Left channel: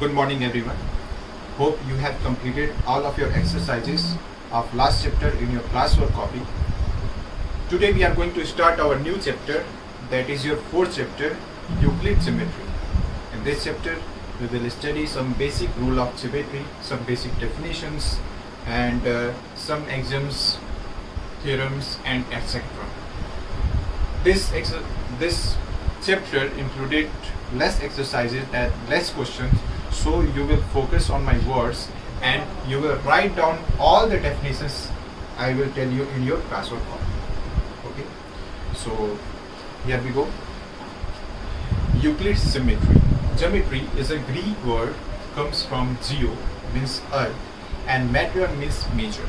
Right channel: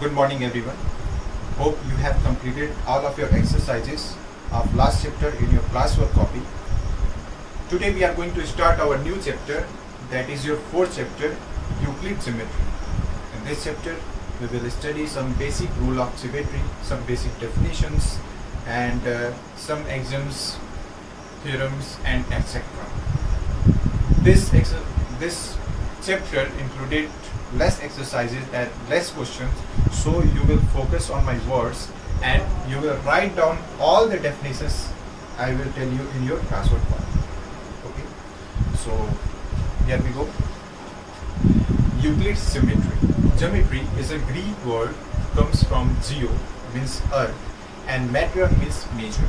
Good morning everyone. Hope you have completed all of your exercises of last chapter in your classwork copy. Today we are going to start our new chapter, that is your fourth chapter, Euclid Geometry. In this chapter we will study some basic rule of geometry, some basic definitions and some axioms, theorems and etc. This chapter included less exercises and less questions, so you will focus on my words and you will write down all the definitions I will tell you in your classwork form. Okay, so here we go. Euclid's geometry. Geometry is a Greek word, comes from geo means earth and metron means measure.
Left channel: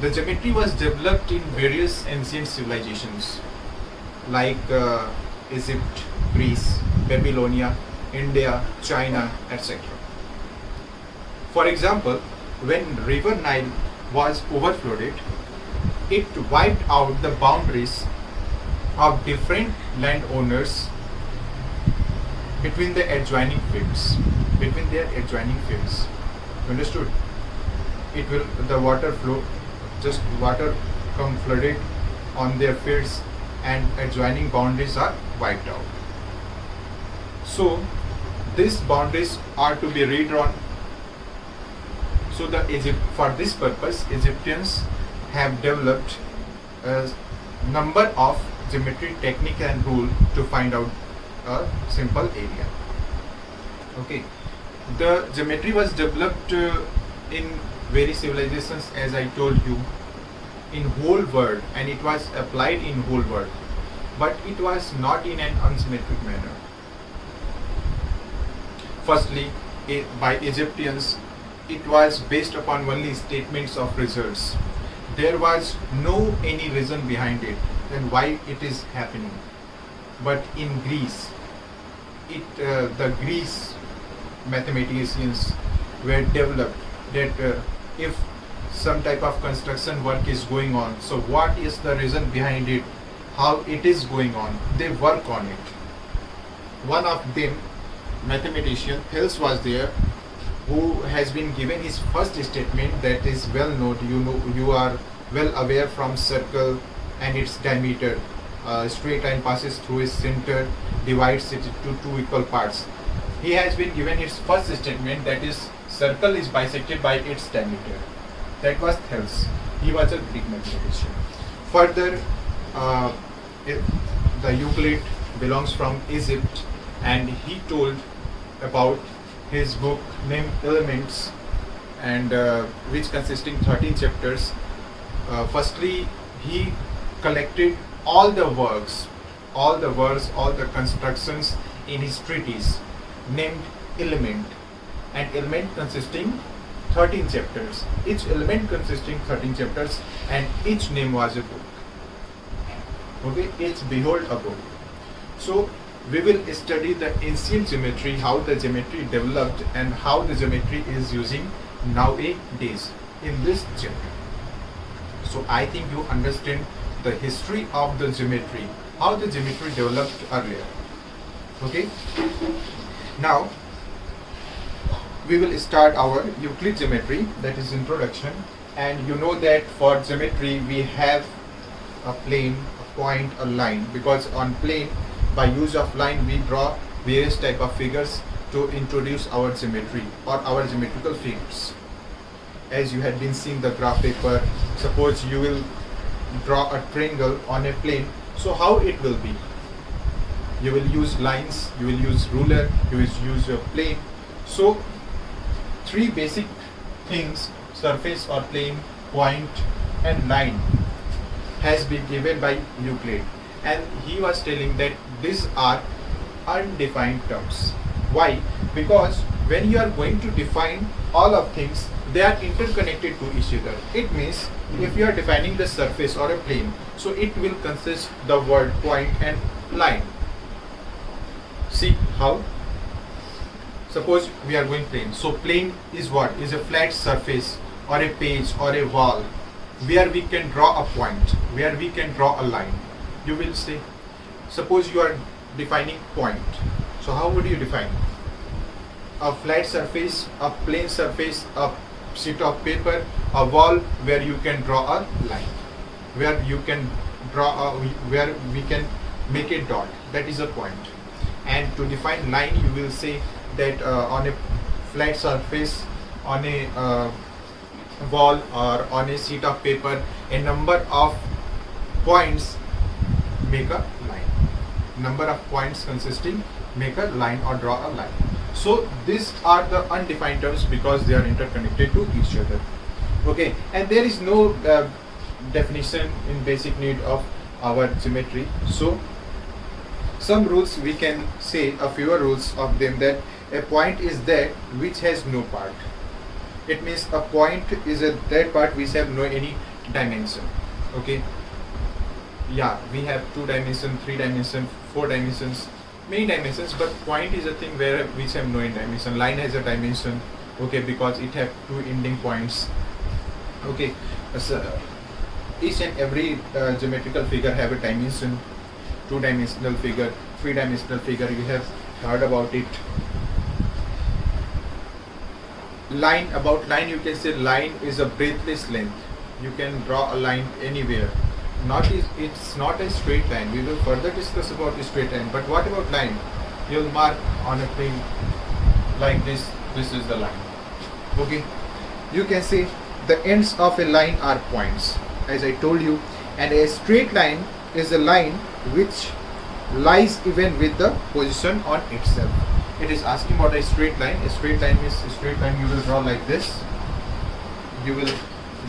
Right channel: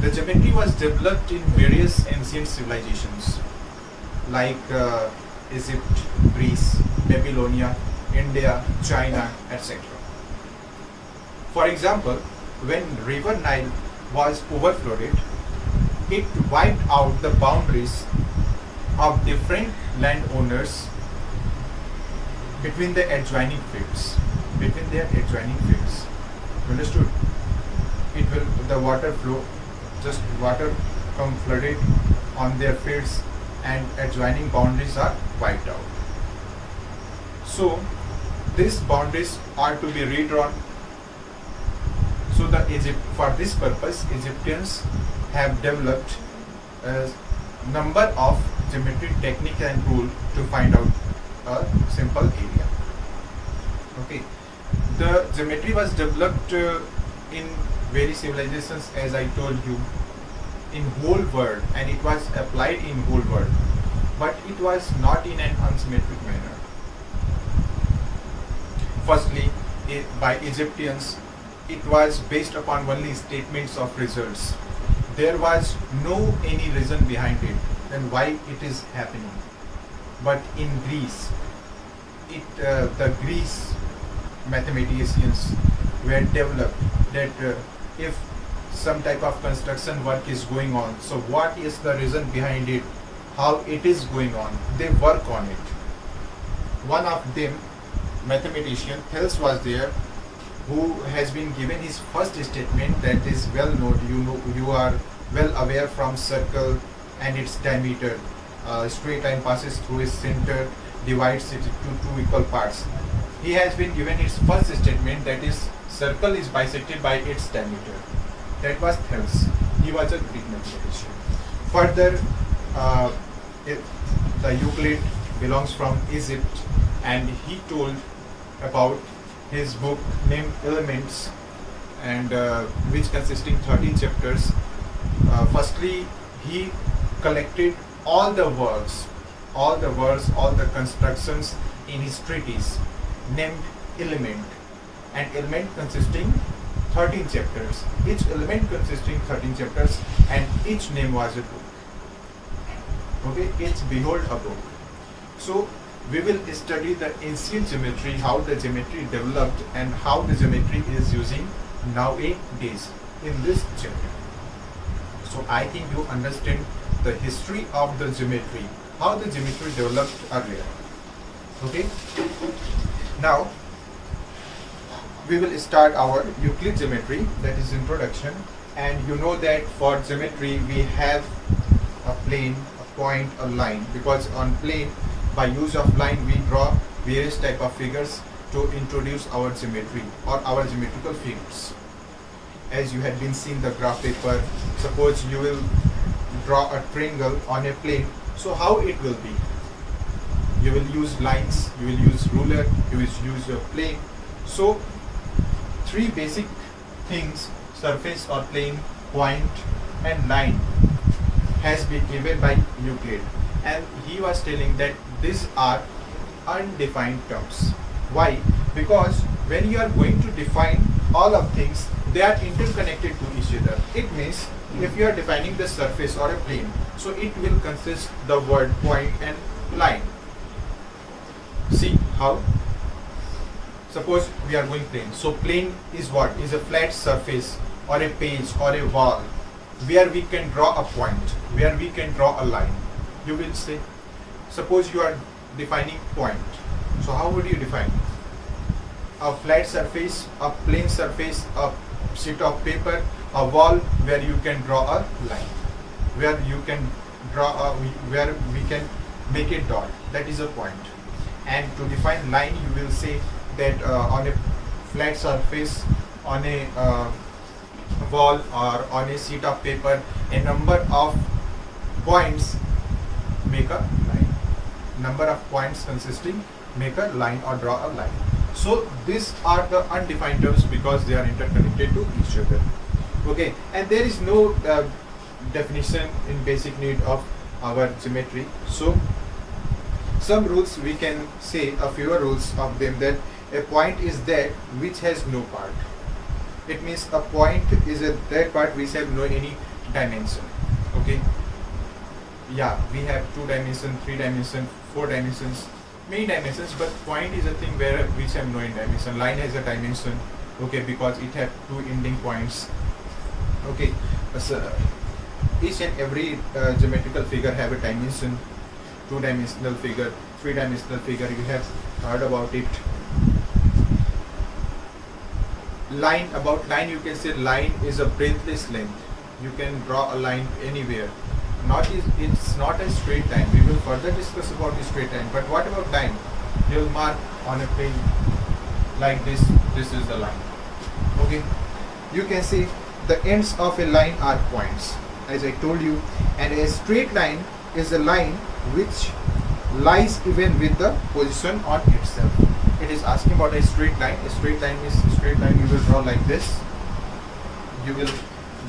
The geometry was developed in various ancient civilizations like Egypt, Greece, Babylonia, India, China, etc. For example, when river Nile was overflowed, it wiped out the boundaries of different landowners between their adjoining fields. Understood? The water flow, just water come flooded on their fields and adjoining boundaries are wiped out. So these boundaries are to be redrawn. So for this purpose, Egyptians have developed a number of geometry technique and rule to find out a simple area. Okay, the geometry was developed in various civilizations, as I told you, in whole world, and it was applied in whole world, but it was not in an unsymmetric manner. Firstly, by Egyptians, it was based upon only statements of results. There was no any reason behind it and why it is happening. But in Greece, the Greece mathematicians were developed that if some type of construction work is going on, so what is the reason behind it, how it is going on, they work on it. One of them, mathematician Thales, was there, who has been given his first statement that is well known. You are well aware from circle and its diameter. Straight line passes through its center, divides it into two equal parts. He has been given his first statement, that is circle is bisected by its diameter. That was Thales. He was a Greek mathematician. Further, the Euclid belongs from Egypt, and he told about his book named Elements, and which consisting 13 chapters. Firstly, he collected all the works, all the constructions in his treatise named Element, and Element consisting 13 chapters, each element consisting 13 chapters, and each name was a book. Okay, it's behold a book. So we will study the ancient geometry, how the geometry developed and how the geometry is using nowadays in this chapter. So I think you understand the history of the geometry, how the geometry developed earlier. Okay, now we will start our Euclid geometry, that is introduction. And you know that for geometry we have a plane, a point, a line, because on plane, by use of line, we draw various type of figures to introduce our geometry or our geometrical figures. As you had been seeing the graph paper, suppose you will draw a triangle on a plane, so how it will be? You will use lines, you will use ruler, you will use a plane. So three basic things, surface or plane, point and line, has been given by Euclid, and he was telling that these are undefined terms. Why? Because when you are going to define all of things, they are interconnected to each other. It means if you are defining the surface or a plane, so it will consist the word point and line. See how? Suppose we are going plane. So plane is what? Is a flat surface or a page or a wall where we can draw a point, where we can draw a line. You will say, suppose you are defining point. So how would you define? a flat surface, a plane surface, a sheet of paper, a wall where you can draw a line, where you can where we can make a dot. That is a point. And to define line, you will say that on a flat surface, on a wall, or on a sheet of paper, a number of points make a line. Number of points consisting make a line or draw a line. So these are the undefined terms because they are interconnected to each other. Okay, and there is no definition in basic need of our geometry. So some rules we can say, a few rules of them, that a point is that which has no part. It means a point is that part which have no any dimension. Okay, yeah, we have 2 dimension, 3 dimension, 4 dimensions, many dimensions, but point is a thing where which have no dimension. Line has a dimension, okay, because it have 2 ending points. Okay, so each and every geometrical figure have a dimension. 2-dimensional figure, 3-dimensional figure, you have heard about it. Line, about line you can say line is a breathless length. You can draw a line anywhere. It's not a straight line. We will further discuss about the straight line. But what about line? You'll mark on a plane like this. This is the line. Okay. You can see the ends of a line are points, as I told you, and a straight line is a line which lies even with the position on itself. It is asking about a straight line. A straight line is a straight line you will draw like this. You will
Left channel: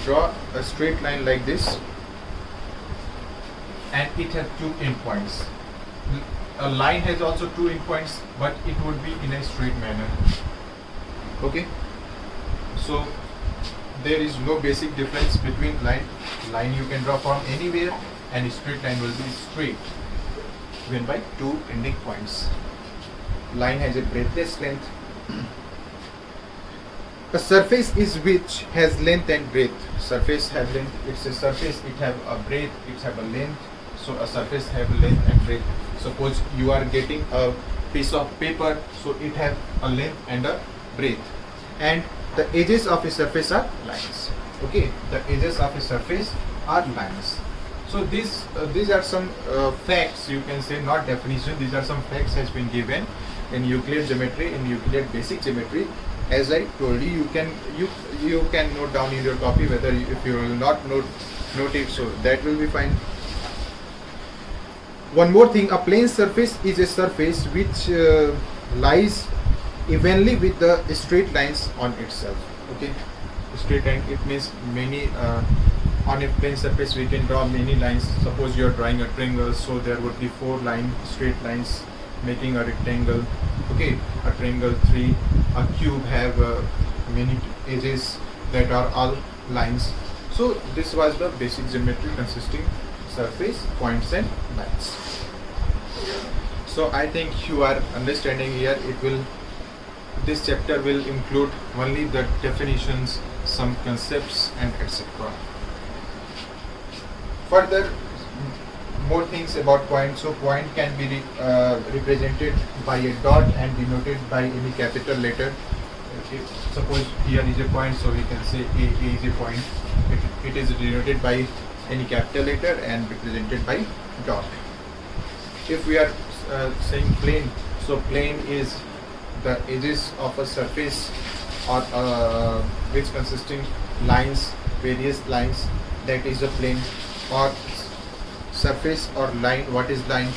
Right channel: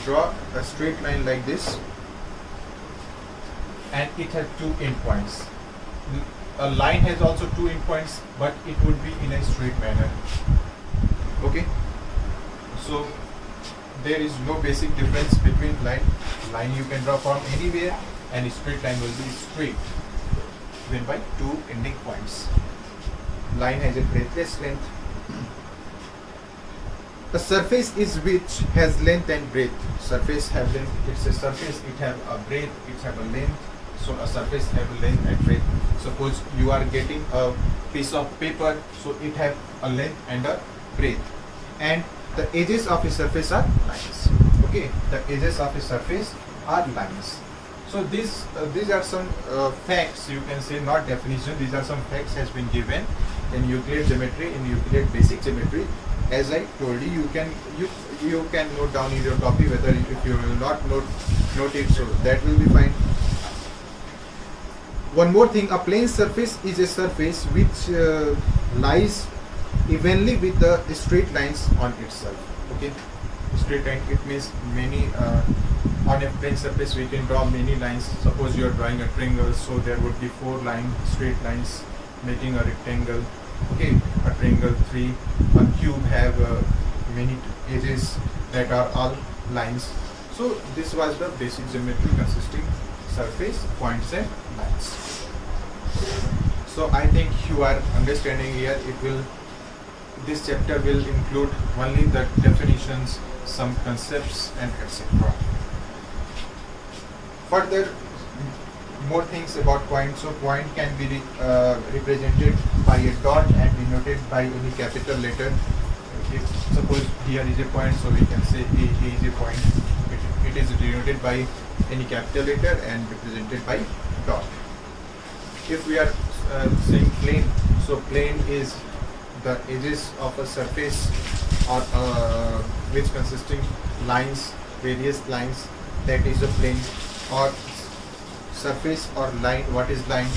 draw a straight line like this, and it has 2 endpoints. A line has also 2 endpoints, but it would be in a straight manner. Okay, so there is no basic difference between line you can draw from anywhere, and a straight line will be straight given by 2 ending points. Line has a breathless length. A surface is which has length and breadth. Surface have length. It's a surface. It have a breadth. It have a length. So a surface have a length and breadth. Suppose you are getting a piece of paper, so it have a length and a breadth. And the edges of a surface are lines. Okay, the edges of a surface are lines. So these are some facts, you can say, not definition. These are some facts has been given in Euclid geometry, in Euclid basic geometry. As I told you, you can note down in your copy, whether if you will not note it, so that will be fine. One more thing, a plane surface is a surface which lies evenly with the straight lines on itself. Okay, straight line, it means many on a plane surface we can draw many lines. Suppose you are drawing a triangle, so there would be 4 straight lines making a rectangle. Okay, a triangle 3, a cube have many edges that are all lines. So this was the basic geometry consisting surface, points and lines. So I think you are understanding here. This chapter will include only the definitions, some concepts and etc. Further, more things about point. So point can be represented by a dot and denoted by any capital letter. If suppose here is a point, so we can say A is a point. It is denoted by any capital letter and represented by dot. If we are saying plane, so plane is the edges of a surface or which consisting lines, various lines, that is a plane. Or surface or line, what is line?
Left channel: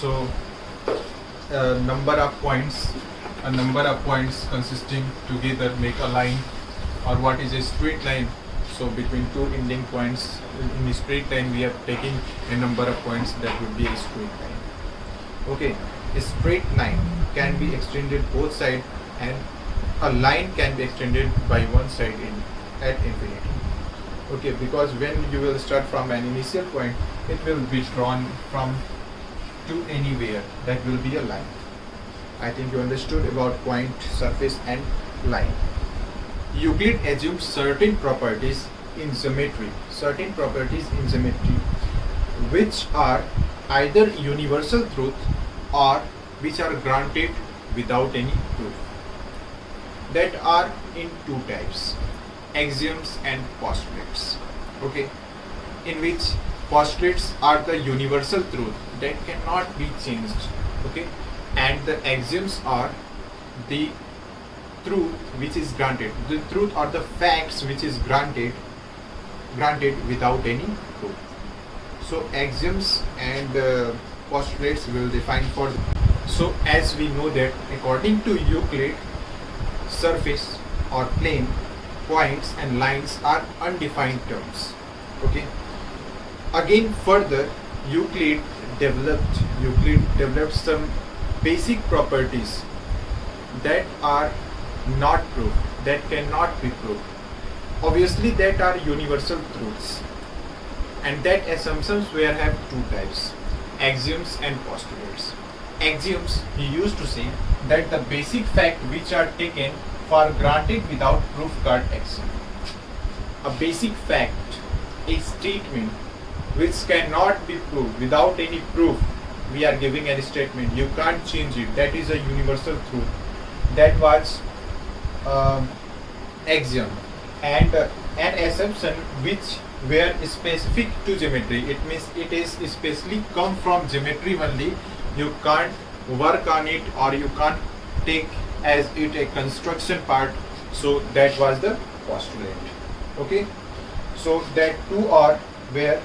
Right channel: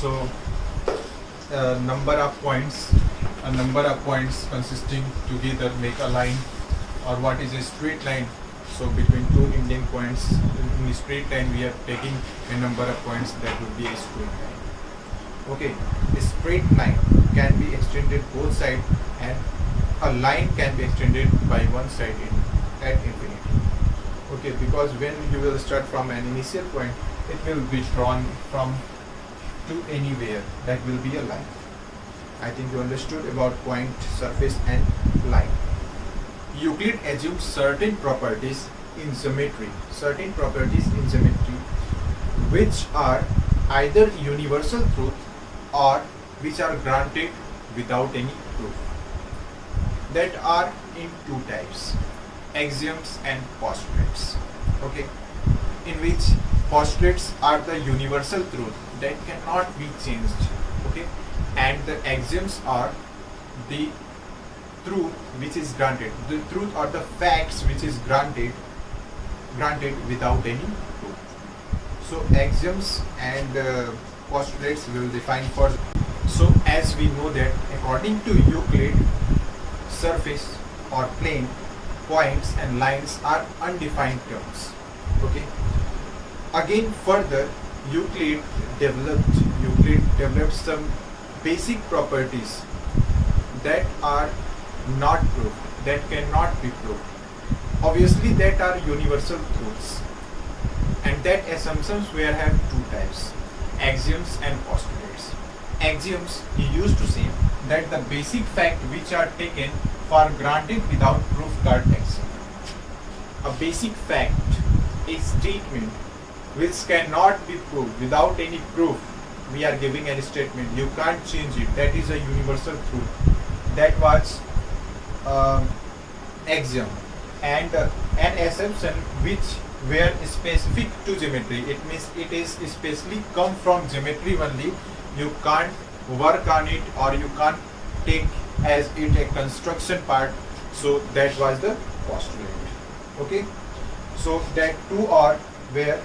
So number of points consisting together make a line. Or what is a straight line? So between 2 ending points in a straight line we are taking a number of points, that would be a straight line. Okay, a straight line can be extended both sides, and a line can be extended by one side at infinity. Okay, because when you will start from an initial point, it will be drawn from to anywhere. That will be a line. I think you understood about point, surface and line. Euclid assumes certain properties in geometry, which are either universal truth or which are granted without any proof. that are in two types, axioms and postulates. Okay, in which postulates are the universal truth that cannot be changed. Okay, and the axioms are the truth which is granted, the truth or the facts which is granted without any proof. So axioms and postulates will define further. So as we know that according to Euclid, surface or plane, points and lines are undefined terms. Okay. Again further, Euclid developed some basic properties that are not proved, that cannot be proved. Obviously that are universal truths, and that assumptions were have two types, axioms and postulates. Axioms, he used to say that the basic fact which are taken for granted without proof called axiom. A basic fact, a statement which cannot be proved without any proof. We are giving a statement, you can't change it, that is a universal truth. That was axiom. And an assumption which were specific to geometry, it means it is especially come from geometry only, you can't work on it or you can't take as it a construction part. So that was the postulate. Okay, so that two are were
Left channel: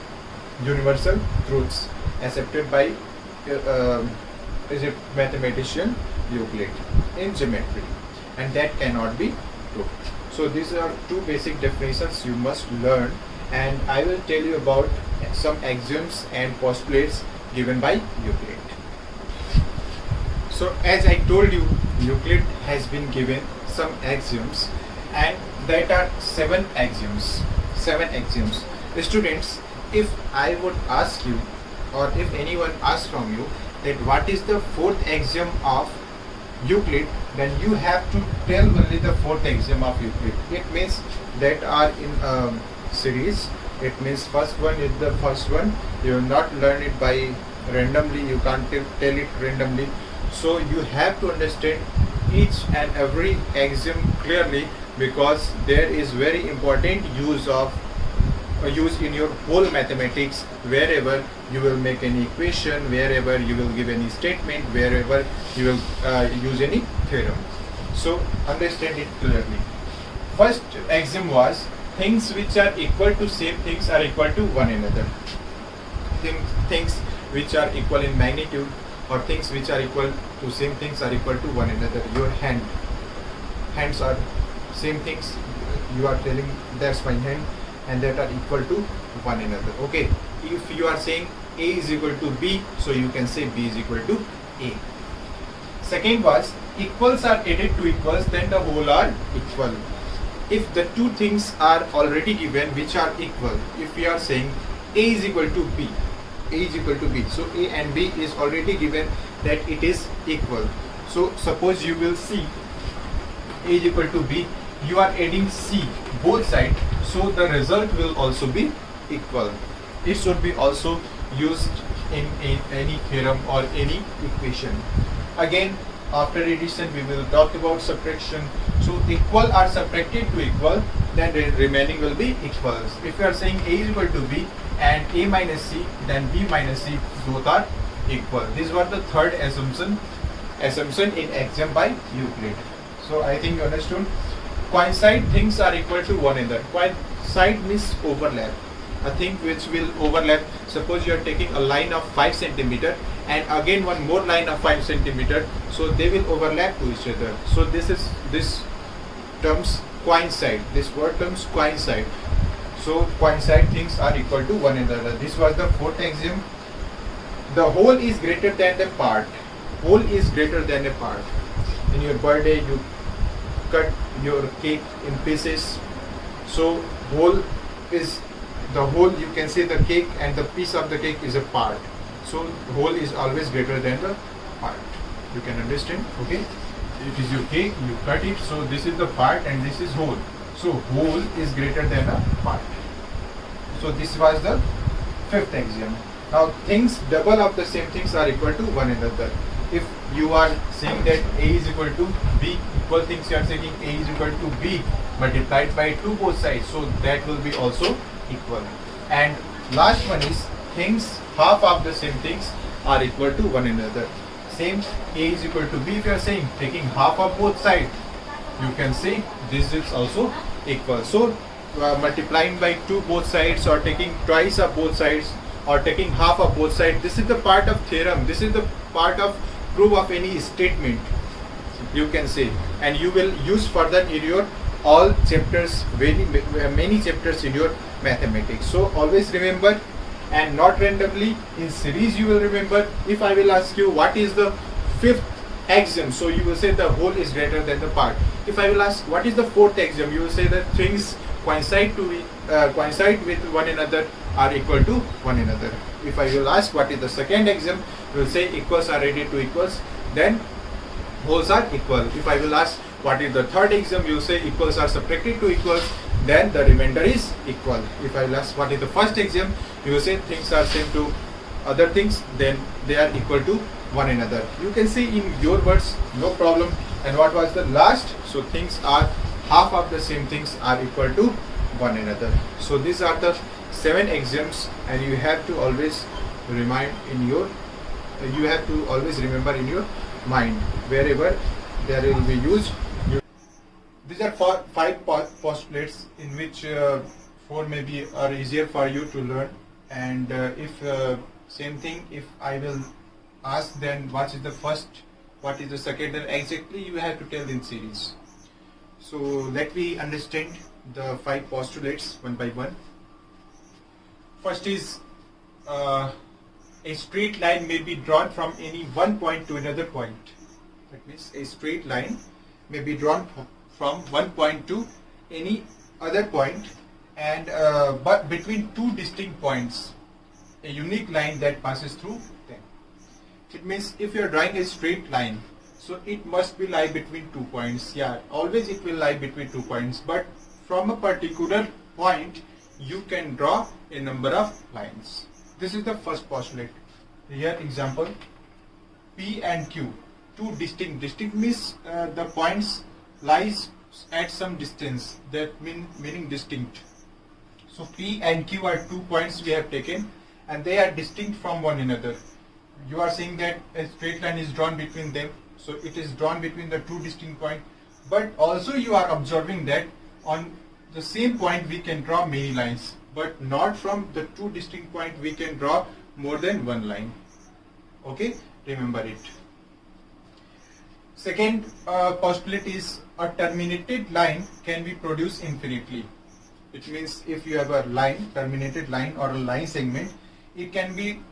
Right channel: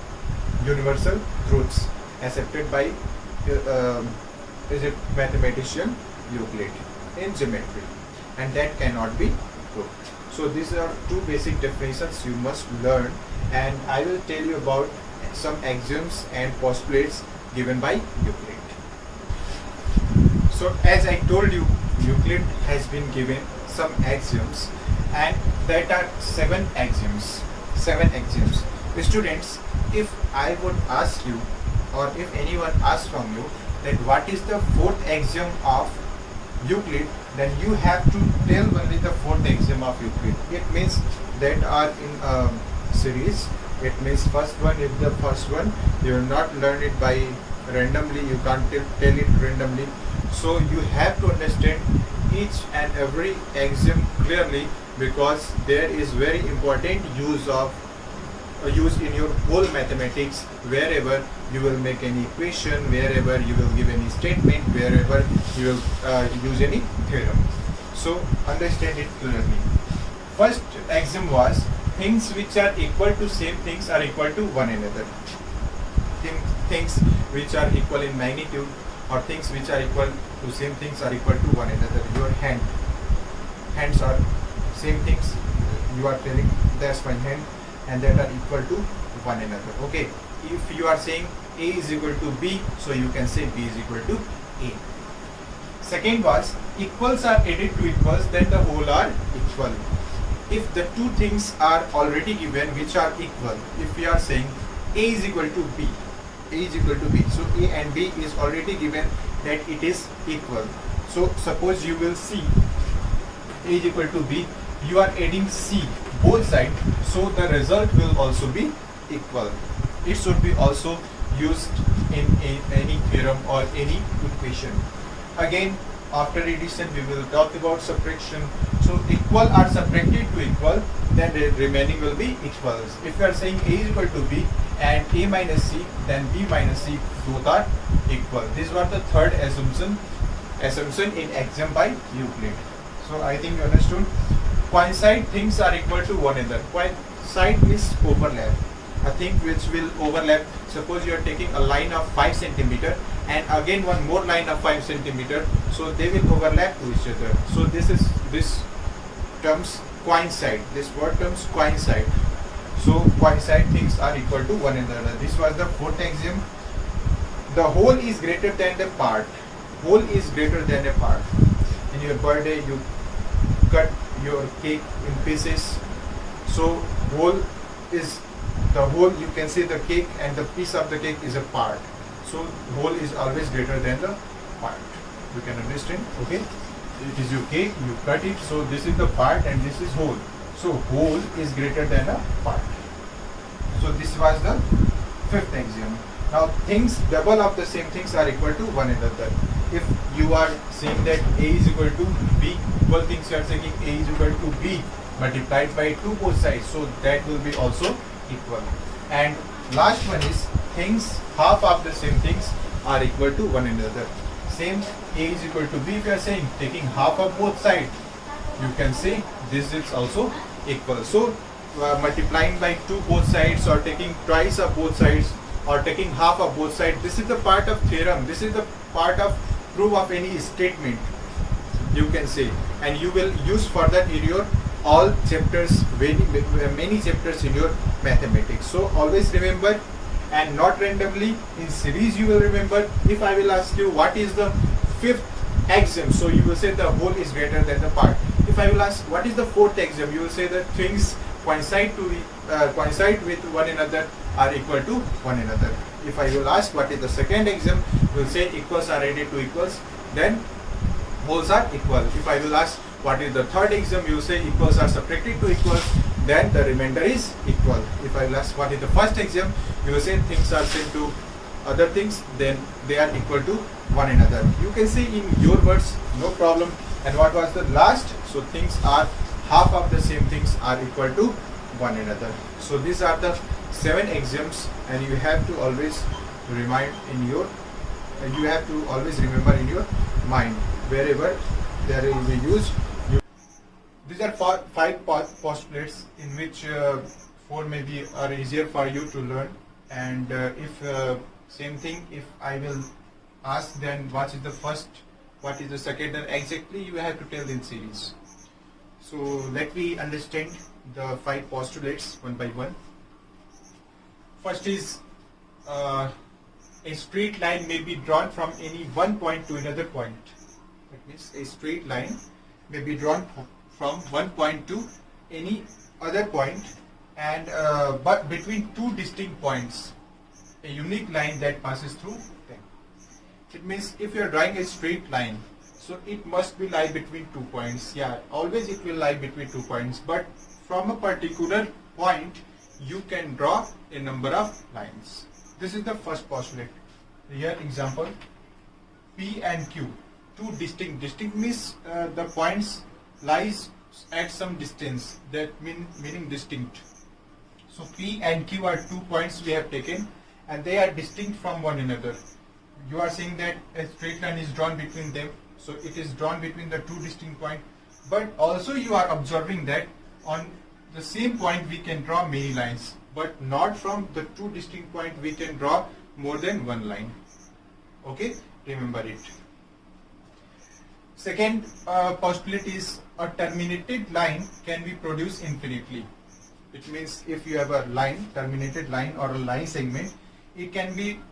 universal truths accepted by is it mathematician Euclid in geometry, and that cannot be proved. So these are two basic definitions you must learn, and I will tell you about some axioms and postulates given by Euclid. So as I told you, Euclid has been given some axioms, and that are seven axioms. Students, if I would ask you, or if anyone asks from you that what is the fourth axiom of Euclid, then you have to tell only the fourth axiom of Euclid. It means that are in a series. It means first one is the first one. You will not learn it by randomly. You can't tell it randomly. So you have to understand each and every axiom clearly, because there is very important use in your whole mathematics, wherever you will make any equation, wherever you will give any statement, wherever you will use any theorem. So understand it clearly. First axiom was things which are equal to same things are equal to one another. Things which are equal in magnitude, or things which are equal to same things are equal to one another. Your hands are same things, you are telling that's my hand, and that are equal to one another. Okay, if you are saying A is equal to B, so you can say B is equal to A. Second was equals are added to equals, then the whole are equal. If the two things are already given which are equal, if we are saying A is equal to B, so A and B is already given that it is equal. So suppose you will see A is equal to B, you are adding C both sides, so the result will also be equal. It should be also used in any theorem or any equation. Again, after addition we will talk about subtraction. So equal are subtracted to equal, then the remaining will be equals. If you are saying A is equal to B and A minus C, then B minus C, both are equal. This was the third assumption in axiom by Euclid. So I think you understood. Coincide things are equal to one another. Coincide means overlap. A thing which will overlap. Suppose you are taking a line of 5 centimeter and again one more line of 5 centimeter, so they will overlap to each other. So this terms coincide. This word terms coincide. So coincide things are equal to one another. This was the fourth axiom. The whole is greater than the part. Whole is greater than a part. In your birthday, you cut your cake in pieces. So the whole, you can say the cake and the piece of the cake is a part. So whole is always greater than the part. You can understand? Okay. It is your cake, you cut it. So this is the part and this is whole. So whole is greater than a part. So this was the fifth axiom. Now things double of the same things are equal to one another. if you are saying that A is equal to B, equal things you are saying A is equal to B multiplied by 2 both sides, so that will be also equal. And last one is things half of the same things are equal to one another. Same, A is equal to B, if you are saying taking half of both sides, you can say this is also equal. So multiplying by 2 both sides, or taking twice of both sides, or taking half of both sides, this is the part of theorem, this is the part of proof of any statement, you can say, and you will use further in your all chapters, many chapters in your mathematics. So always remember, and not randomly, in series you will remember. If I will ask you what is the fifth axiom, so you will say the whole is greater than the part. If I will ask what is the fourth axiom, you will say that things coincide with one another, are equal to one another. If I will ask what is the second axiom, you will say equals are added to equals, then wholes are equal. If I will ask what is the third axiom, you will say equals are subtracted to equals, then the remainder is equal. If I will ask what is the first axiom, you will say things are same to other things, then they are equal to one another. You can say in your words, no problem. And what was the last? So things are half of the same things are equal to one another. So these are the 7 axioms, and you have to always remind in your, you have to always remember in your mind wherever they will be used. These are 5 postulates in which 4 maybe are easier for you to learn. And if same thing, if I will ask then what is the first, what is the second, and exactly you have to tell in series. So let me understand the 5 postulates one by one. First is a straight line may be drawn from any one point to another point. That means a straight line may be drawn from one point to any other point, and but between 2 distinct points, a unique line that passes through them. It means if you are drawing a straight line, so it must be lie between 2 points. Yeah, always it will lie between 2 points, but from a particular point you can draw a number of lines. This is the first postulate. Here example, P and Q, 2 distinct means the points lies at some distance, that meaning distinct. So P and Q are 2 points we have taken, and they are distinct from one another. You are saying that a straight line is drawn between them, so it is drawn between the 2 distinct points, but also you are observing that on the same point we can draw many lines, but not from the 2 distinct points we can draw more than one line. Okay, remember it. Second postulate is a terminated line can be produced infinitely. It means if you have a line, terminated line or a line segment, it can be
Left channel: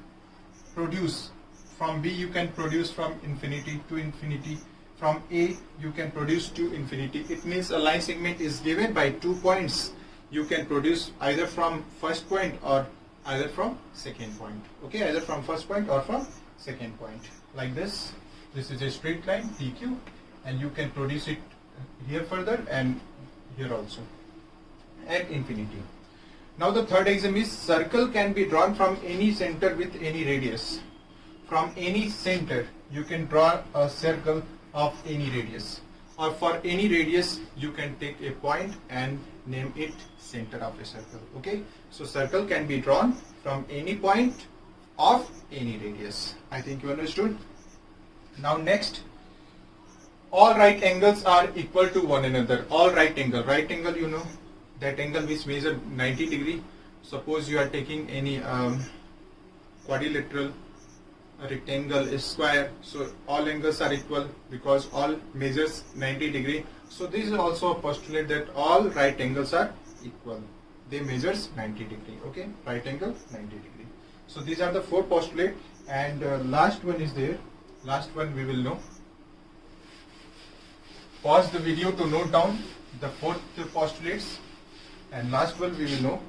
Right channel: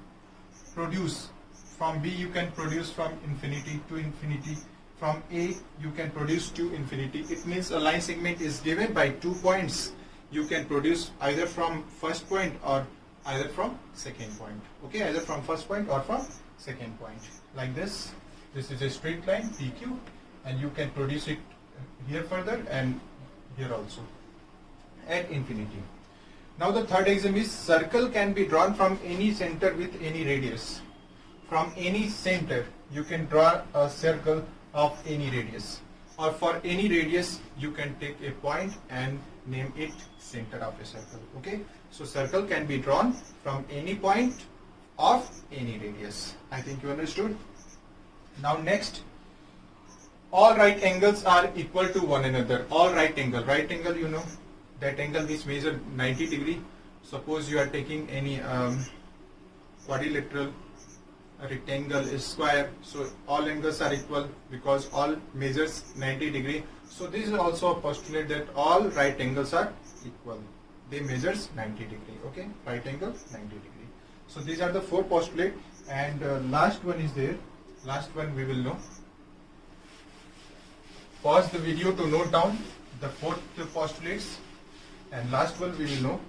produced from B, you can produce from infinity to infinity, from A you can produce to infinity. It means a line segment is given by 2 points, you can produce either from first point or either from second point. Okay, either from first point or from second point. Like this, this is a straight line PQ, and you can produce it here further and here also at infinity. Now the third axiom is circle can be drawn from any center with any radius. From any center you can draw a circle of any radius, or for any radius you can take a point and name it center of a circle. Okay, so circle can be drawn from any point of any radius. I think you understood. Now next, all right angles are equal to one another. All right angle, you know, that angle which measures 90 degree. Suppose you are taking any quadrilateral, a rectangle, a square, so all angles are equal because all measures 90 degree. So this is also a postulate that all right angles are equal. They measures 90 degree. Okay, right angle 90 degree. So these are the 4 postulates, and last one is there. Last one we will know. Pause the video to note down the 4th postulates, and last one we will know.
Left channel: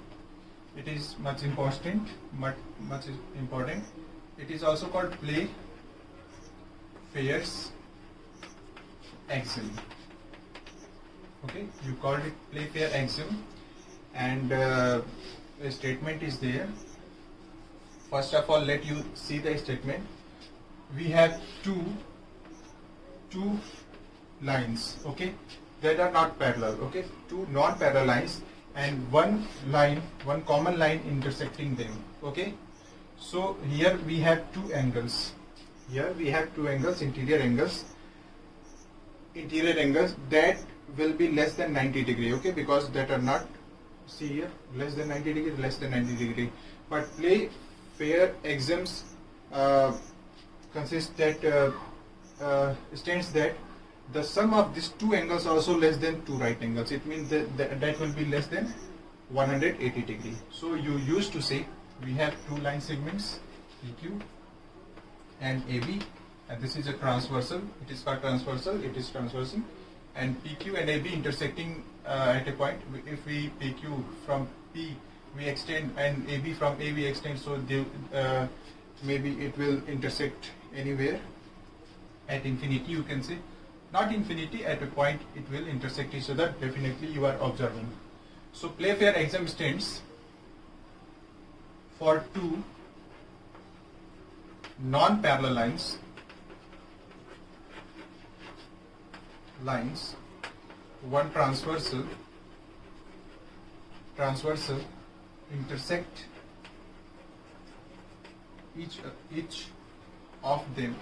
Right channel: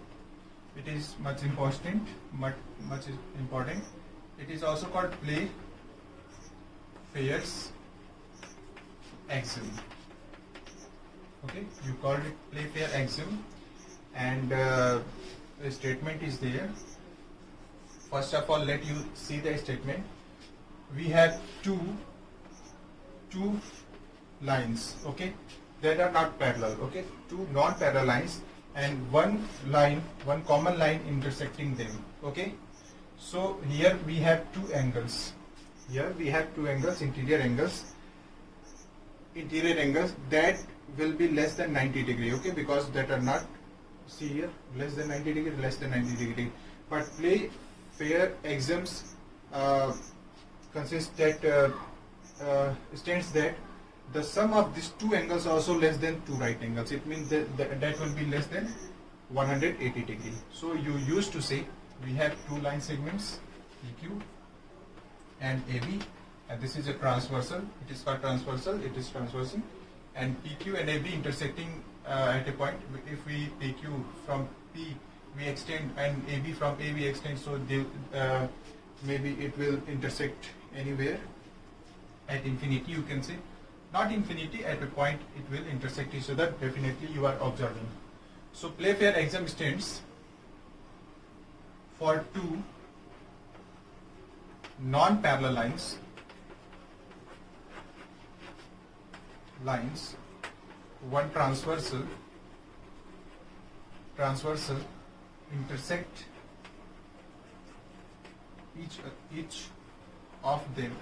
It is much important. It is also called Playfair's axiom. Okay, you called it Playfair axiom, and the statement is there. First of all, let you see the statement. we have two lines, okay, that are not parallel, okay, two non-parallel lines and one common line intersecting them, okay. So here we have two angles, interior angles that will be less than 90 degree, okay, because that are not, see here, less than 90 degree, but play fair exams states that the sum of these two angles are also less than two right angles. It means that will be less than 180 degree. So you used to say we have two line segments, PQ and AB, and this is a transversal. It is called transversal. It is transversing, and PQ and AB intersecting at a point. If we PQ from P we extend and AB from A we extend, so they, maybe it will intersect anywhere at infinity, you can say. Not infinity, at a point it will intersect each other, definitely you are observing. So Playfair exam stands for two non-parallel lines, one transversal intersect each of them,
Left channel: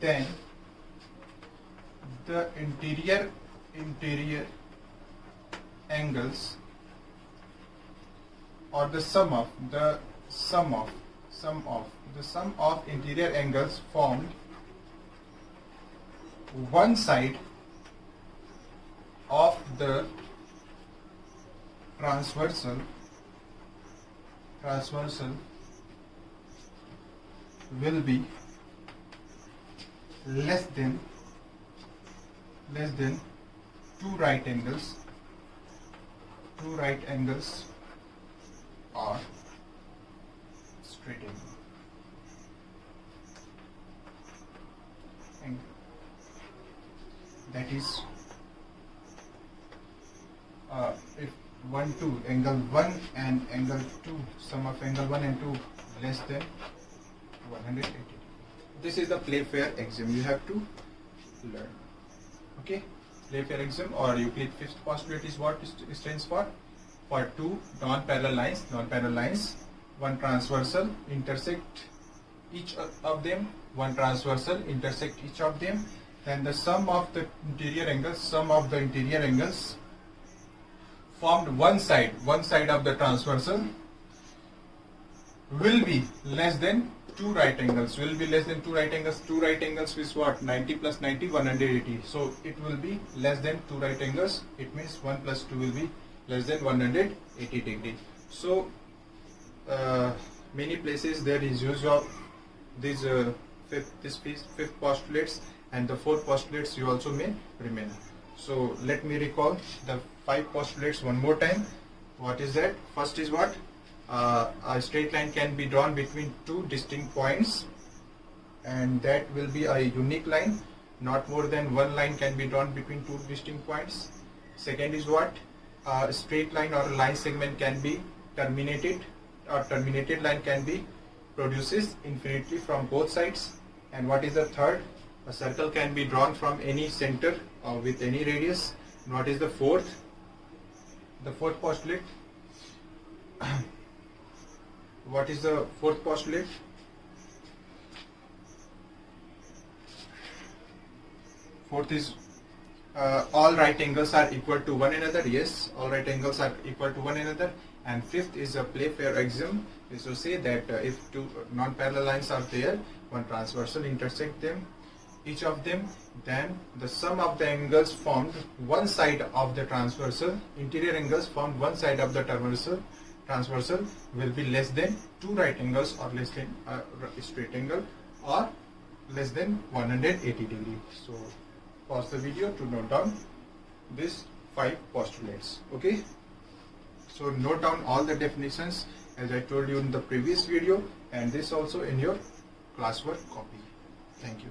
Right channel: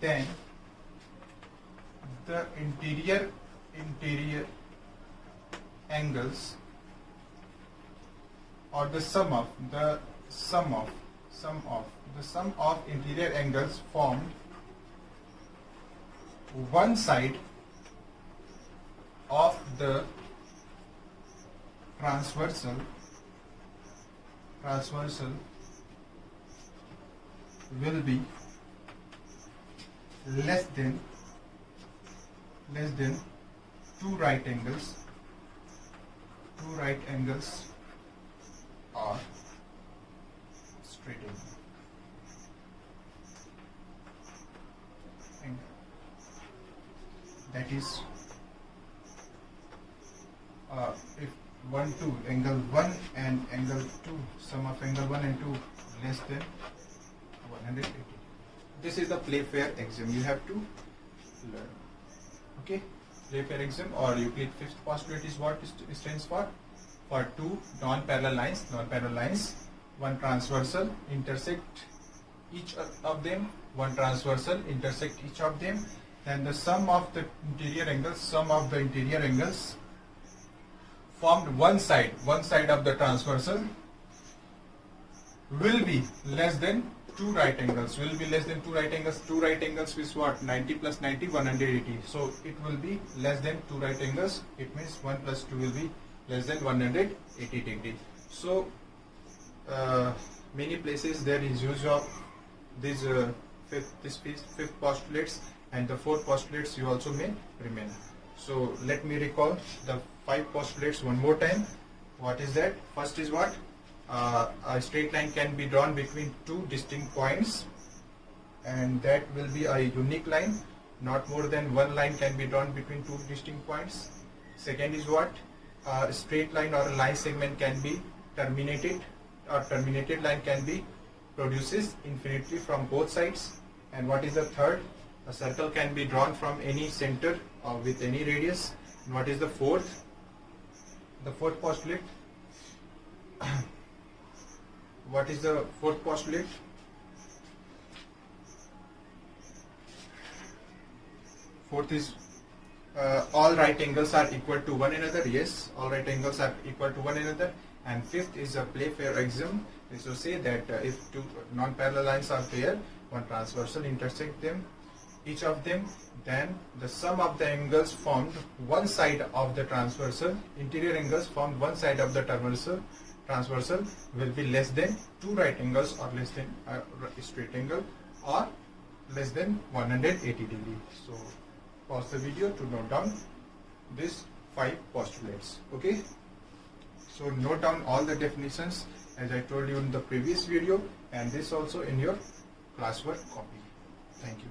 then the interior angles, or the sum of interior angles formed one side of the transversal will be less than two right angles or straight angle. That is, if 1, 2, angle 1 and angle 2, sum of angle 1 and 2 less than 180. This is the Playfair axiom you have to learn. Okay, Playfair axiom or Euclid fifth postulate is what it stands for. For two non-parallel lines, one transversal intersect each of them, and the sum of the interior angles formed one side of the transversal will be less than two right angles. Two right angles is what? 90 plus 90, 180. So it will be less than two right angles. It means 1 plus 2 will be less than 180 degree. So many places there is use of these fifth postulates, and the fourth postulates you also may remember. So let me recall the 5 postulates one more time. What is that? First is what? A straight line can be drawn between two distinct points, and that will be a unique line. Not more than one line can be drawn between two distinct points. Second is what? A straight line or a line segment can be terminated, or terminated line can be produces infinity from both sides. And what is the third? A circle can be drawn from any center or with any radius. And what is the fourth? The fourth postulate. What is the fourth postulate? Fourth is all right angles are equal to one another. Yes, all right angles are equal to one another. And fifth is a Playfair axiom. This will say that if two non-parallel lines are there, one transversal intersect them, each of them, then the sum of the angles formed one side of the transversal, interior angles formed one side of the transversal will be less than two right angles, or less than a straight angle, or less than 180 degree. So pause the video to note down these 5 postulates. Okay, so note down all the definitions as I told you in the previous video, and this also in your classwork copy. Thank you.